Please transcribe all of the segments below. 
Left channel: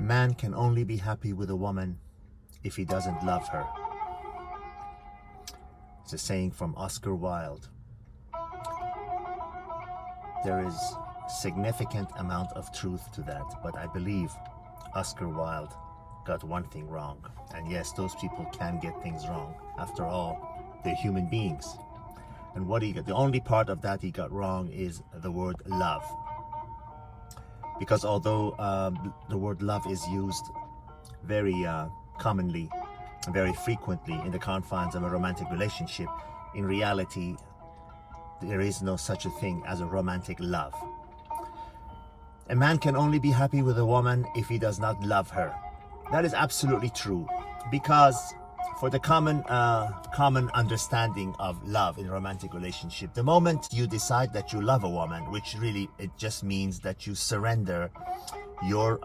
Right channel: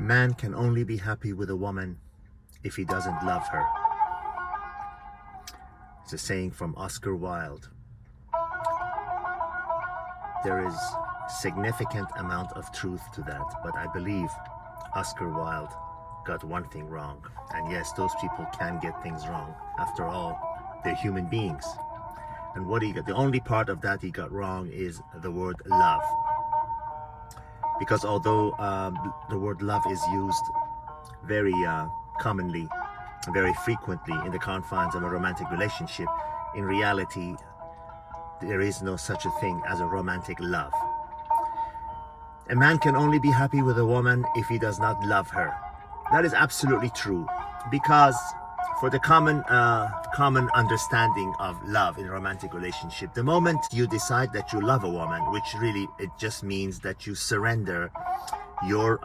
A man can only be happy with a woman if he doesn't love her. It's a saying from Oscar Wilde. There is significant amount of truth to that, but I believe Oscar Wilde got one thing wrong. And yes, those people can get things wrong. After all, they're human beings. And what he got, the only part of that he got wrong is the word love. Because although the word love is used very commonly, very frequently in the confines of a romantic relationship, in reality, there is no such a thing as a romantic love. A man can only be happy with a woman if he does not love her. That is absolutely true, because for the common understanding of love in a romantic relationship, the moment you decide that you love a woman, which really it just means that you surrender your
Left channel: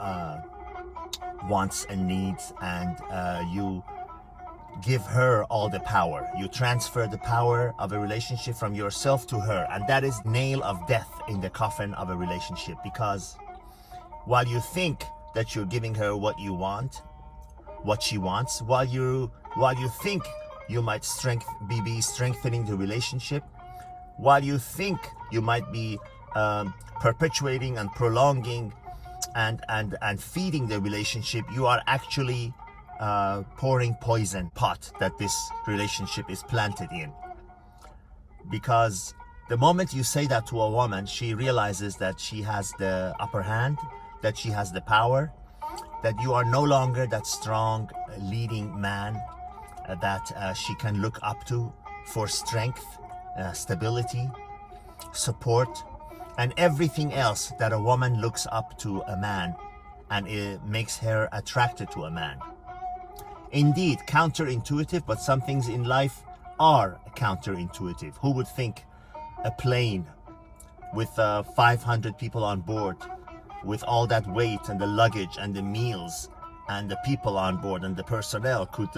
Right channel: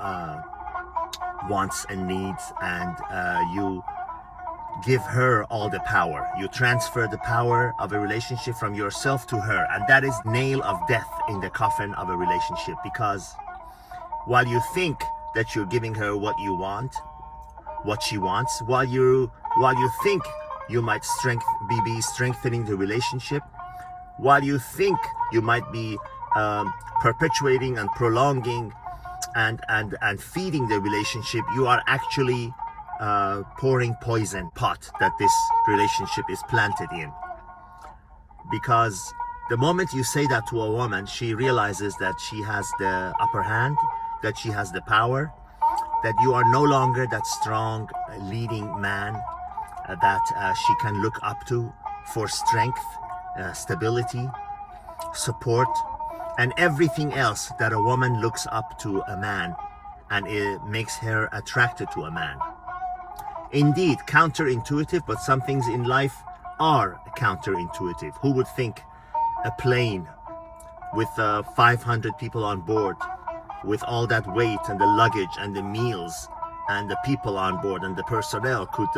wants and needs, and you give her all the power. You transfer the power of a relationship from yourself to her, and that is nail of death in the coffin of a relationship. Because while you think that you're giving her what you want, what she wants, while you think you might be strengthening the relationship, while you think you might be perpetuating and prolonging and feeding the relationship, you are actually pouring poison pot that this relationship is planted in. Because the moment you say that to a woman, she realizes that she has the upper hand, that she has the power, that you are no longer that strong leading man that she can look up to for strength, stability, support, and everything else that a woman looks up to a man, and it makes her attracted to a man. Indeed, counterintuitive, but some things in life are counterintuitive. Who would think a plane with 500 people on board, with all that weight and the luggage and the meals and the people on board and the personnel, could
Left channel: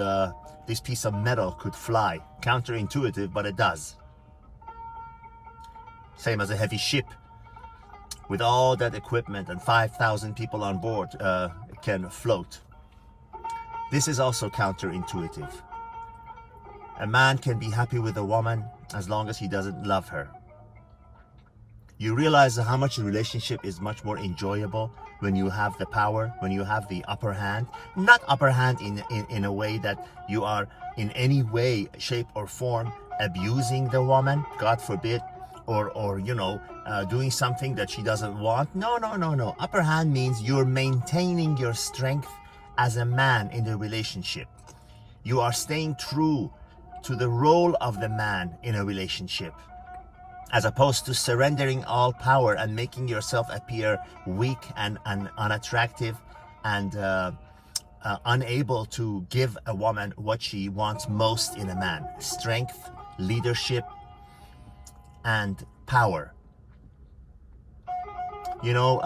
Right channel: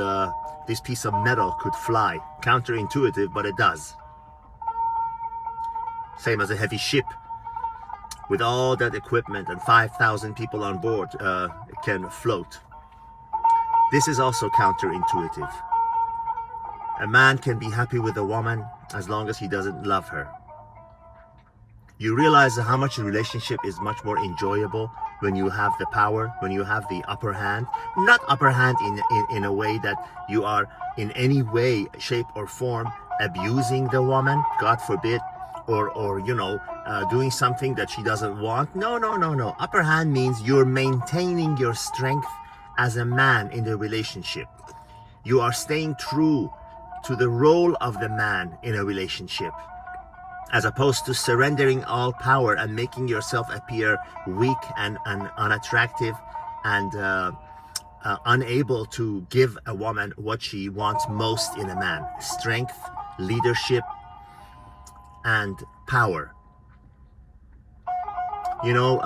this piece of metal could fly? Counterintuitive, but it does. Same as a heavy ship with all that equipment and 5,000 people on board can float. This is also counterintuitive. A man can be happy with a woman as long as he doesn't love her. You realize how much a relationship is much more enjoyable when you have the power, when you have the upper hand. Not upper hand in a way that you are in any way, shape or form abusing the woman, God forbid, or you know, doing something that she doesn't want. No. Upper hand means you're maintaining your strength as a man in the relationship. You are staying true to the role of the man in a relationship, as opposed to surrendering all power and making yourself appear weak and unattractive and unable to give a woman what she wants most in a man: strength, leadership, and power. You know,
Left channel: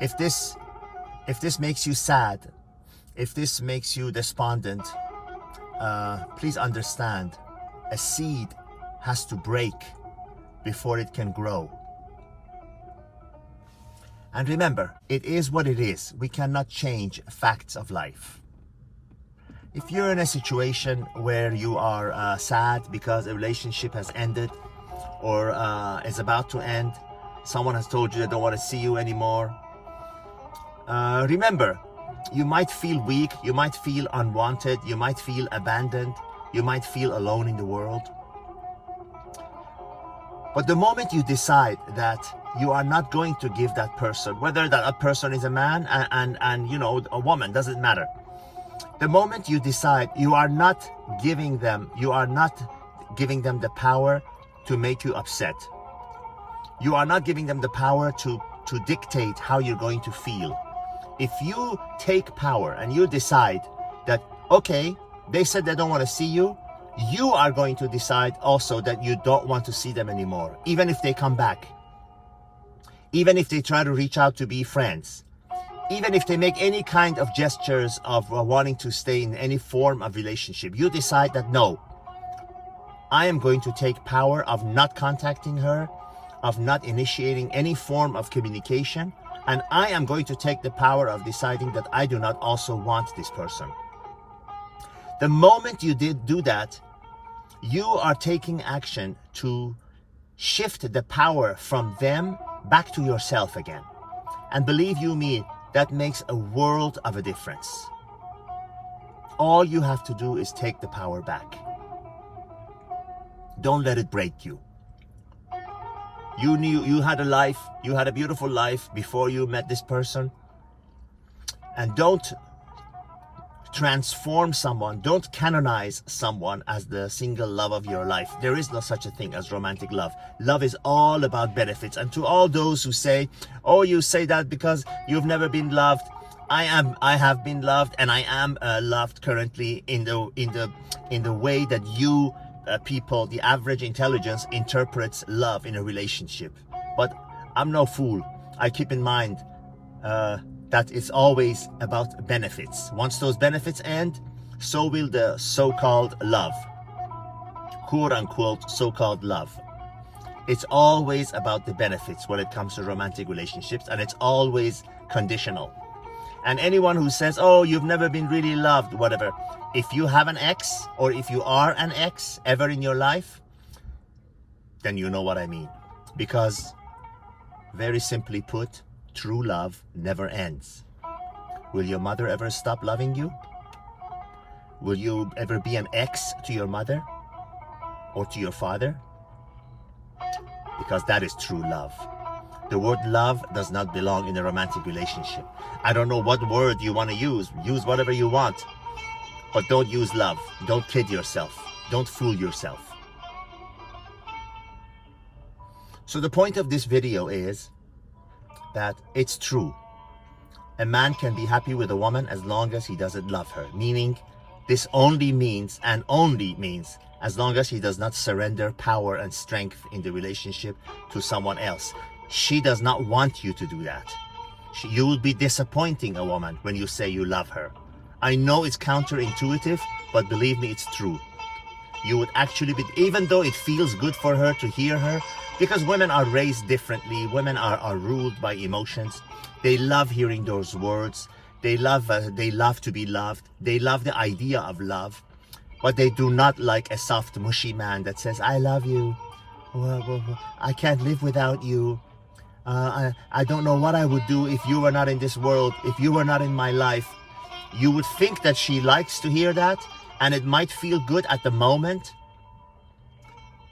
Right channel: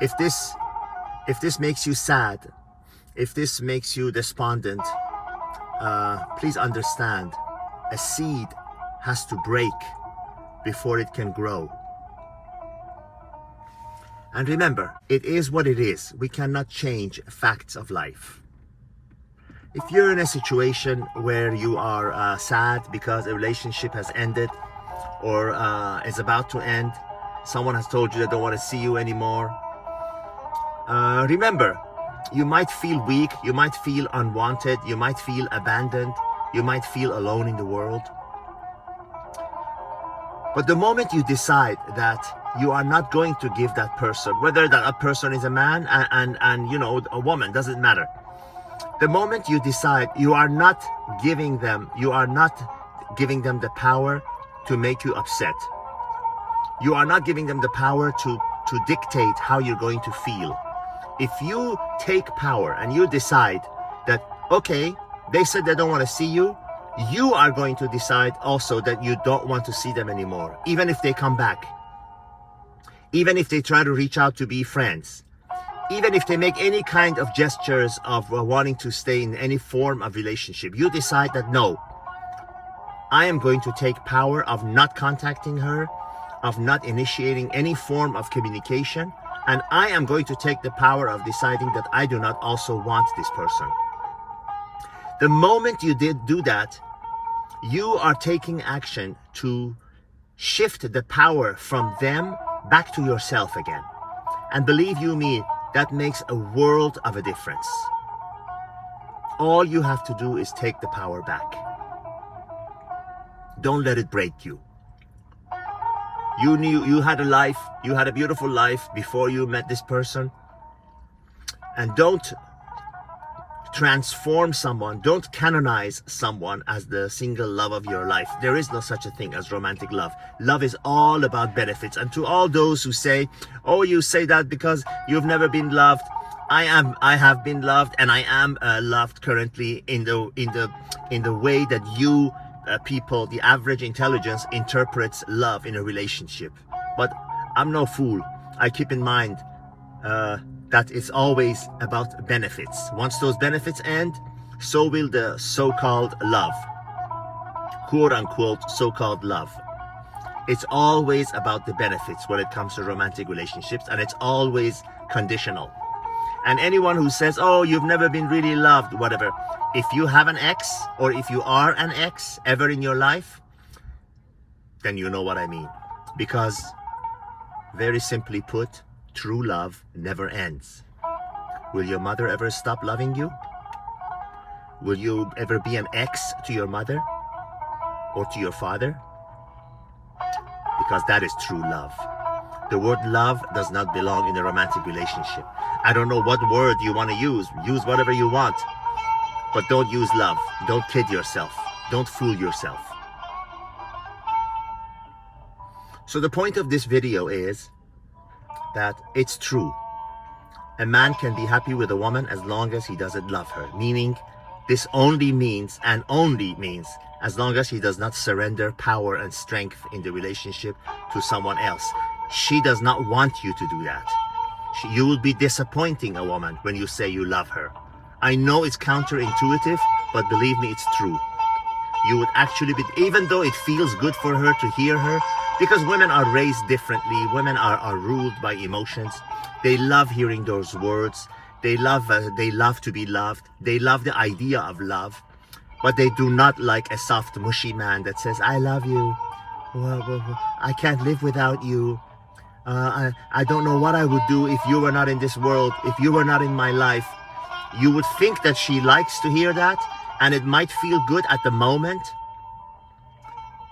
if this makes you sad, if this makes you despondent, please understand, a seed has to break before it can grow. And remember, it is what it is. We cannot change facts of life. If you're in a situation where you are sad because a relationship has ended or is about to end, someone has told you they don't want to see you anymore, remember, you might feel weak, you might feel unwanted, you might feel abandoned, you might feel alone in the world. But the moment you decide that you are not going to give that person, whether that person is a man and you know, a woman, doesn't matter. The moment you decide you are not giving them the power to make you upset. You are not giving them the power to dictate how you're going to feel. If you take power and you decide that, okay, they said they don't want to see you, you are going to decide also that you don't want to see them anymore, even if they come back, even if they try to reach out to be friends, even if they make any kind of gestures of wanting to stay in any form of relationship. You decide that, no, I am going to take power of not contacting her, of not initiating any form of communication. And I am going to take the power of deciding that I do not also want this person. The moment you did do that, you are taking action to shift the power from them back to yourself again. And believe you me, that makes a world of a difference. All you have to do is take the power back. Don't let it break you. You knew you had a life, you had a beautiful life before you met this person. And don't transform someone, don't canonize someone as the single love of your life. There is no such a thing as romantic love. Love is all about benefits. And to all those who say, oh, you say that because you've never been loved, I have been loved, and I am loved currently in the way that you people, the average intelligence, interprets love in a relationship. But I'm no fool. I keep in mind that it's always about benefits. Once those benefits end, so will the so-called love, quote-unquote so-called love. It's always about the benefits when it comes to romantic relationships, and it's always conditional. And anyone who says, oh, you've never been really loved, whatever, if you have an ex, or if you are an ex ever in your life, then you know what I mean. Because, very simply put, true love never ends. Will your mother ever stop loving you? Will you ever be an ex to your mother or to your father? Because that is true love. The word love does not belong in a romantic relationship. I don't know what word you want to use. Use whatever you want. But don't use love. Don't kid yourself. Don't fool yourself. So the point of this video is that it's true. A man can be happy with a woman as long as he doesn't love her. Meaning, this only means, and only means, as long as he does not surrender power and strength in the relationship to someone else. She does not want you to do that. You will be disappointing a woman when you say you love her. I know it's counterintuitive, but believe me, it's true. You would actually be, even though it feels good for her to hear her, because women are raised differently, women are ruled by emotions. They love hearing those words. They love to be loved. They love the idea of love, but they do not like a soft, mushy man that says, I love you. Well, I can't live without you. I don't know what I would do if you were not in this world, if you were not in my life. You would think that she likes to hear that, and it might feel good at the moment,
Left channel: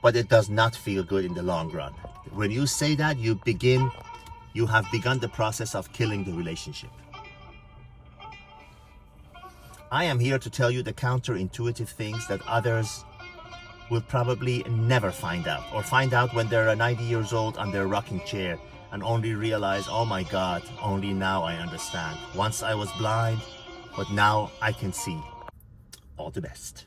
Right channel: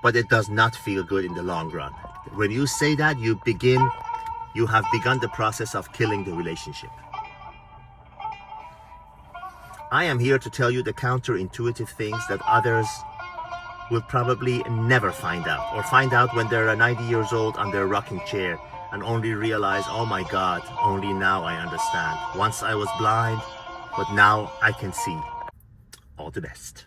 but it does not feel good in the long run. When you say that, you have begun the process of killing the relationship. I am here to tell you the counterintuitive things that others will probably never find out, or find out when they're 90 years old on their rocking chair and only realize, oh my God, only now I understand. Once I was blind, but now I can see. All the best.